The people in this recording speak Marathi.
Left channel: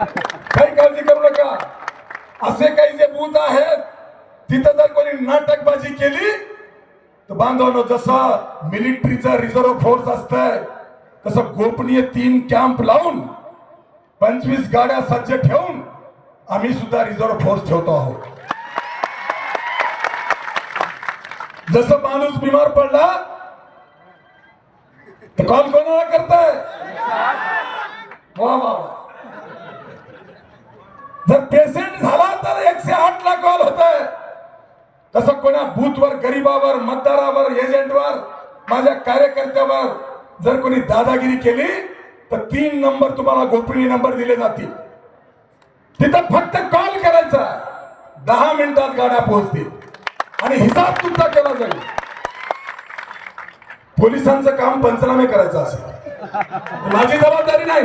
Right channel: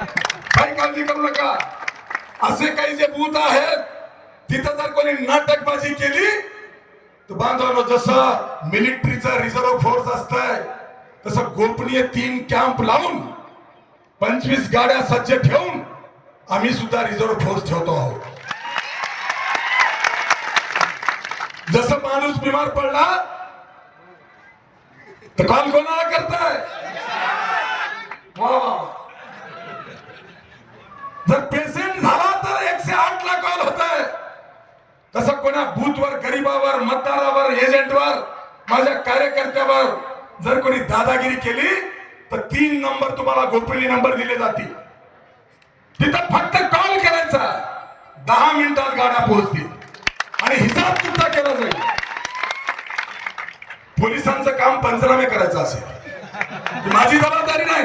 काही काळजी करू नका. असे काही जे बूथ आहेत तिथं जर कोणी नाटकबाजी केली तर बांधवांनो जसं मिलिटरीचा रिझर्व्ह फोर्स असतंय तसं गोपनीय तीन कॅम्प लावून पंचवीस गाड्या सज्ज ठेवून आम्ही सुद्धा रिझर्व्ह फोर्स ठेवतो आहोत. जसं माणूस बिमार पडला तर कॉल कोणाला करताय? वा वा वा. जर पेशंट झाला तर एकशे आठ ला कॉल होत आहे तसं कोणा बूथवर गरीबावर मतदारावर एजंटवर माझ्या कार्यकर्त्यावर जर कोणी दादागिरी केली तर तीन नंबर तुम्हाला गोपनीय नंबर दिले जातील. तिथं फक्त कॉल करायचा. दहा मिनिटात गाड्या पोहोचतील. आणि हिसाब तुमचा केला जाईल. पोलिसांचं काम पंचनामे करायचं असेल. माझी जबाबदारी नाही.